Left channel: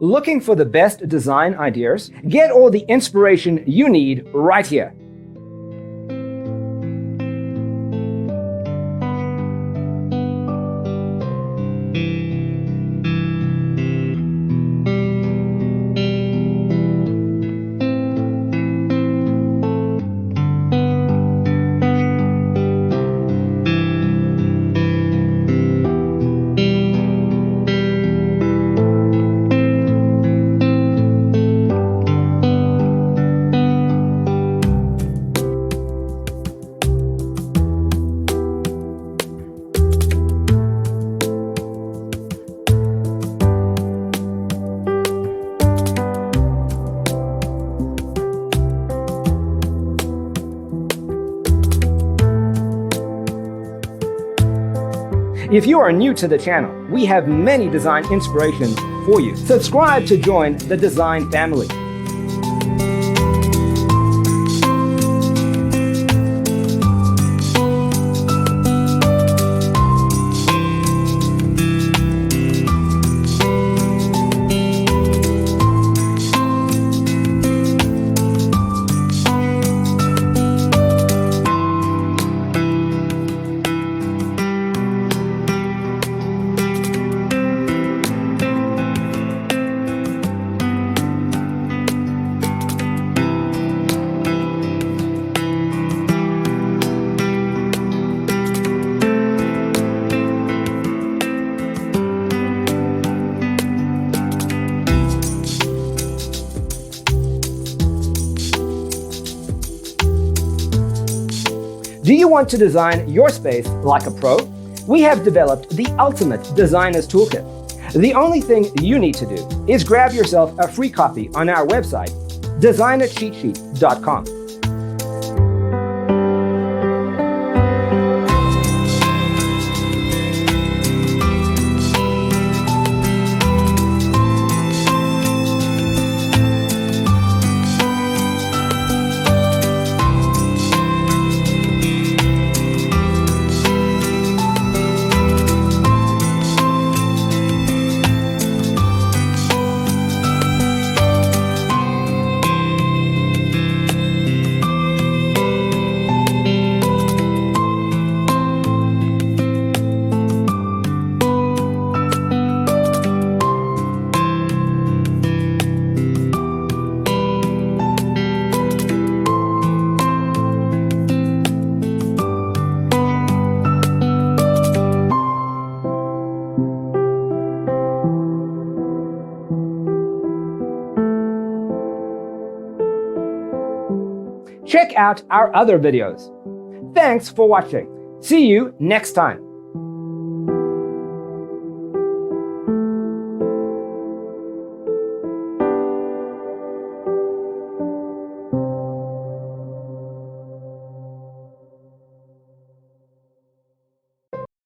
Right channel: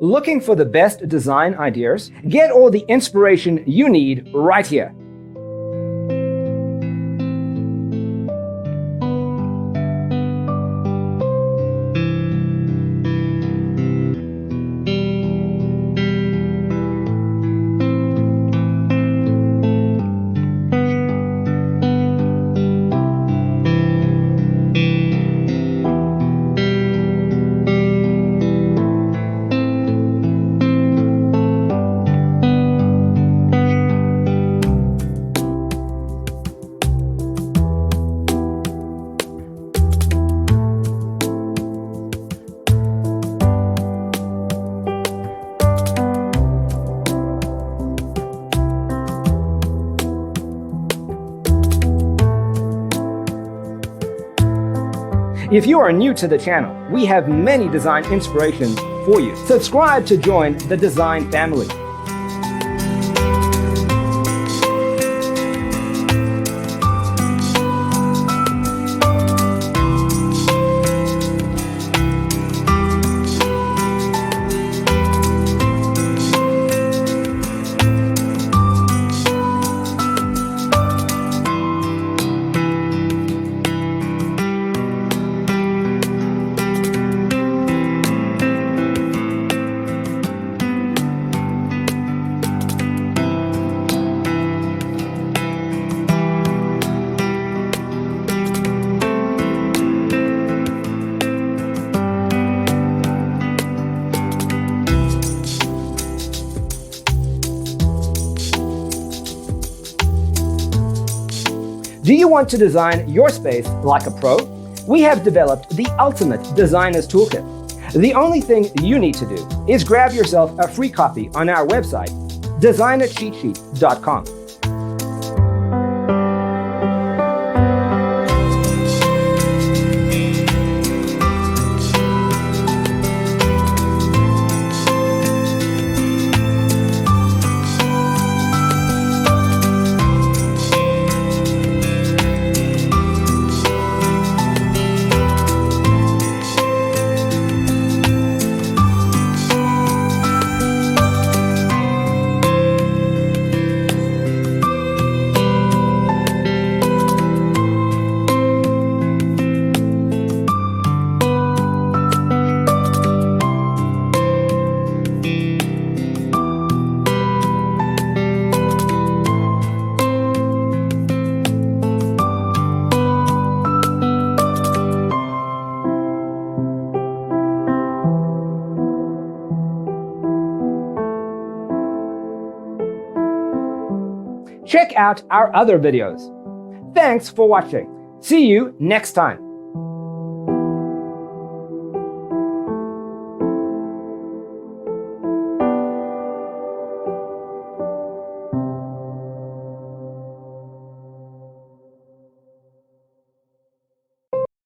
Looking for the best design ideas? Get all the inspiration you need right here. If you are new to the channel, we have many design inspirations for you. Subscribe to join the design family. Do you want to design your space like a pro? We have developed the ultimate designer's toolkit. The only thing you need to do is grab yourself a free copy on our website, designercheatsheet.com. Check out our other videos. Thanks for watching. See you next time.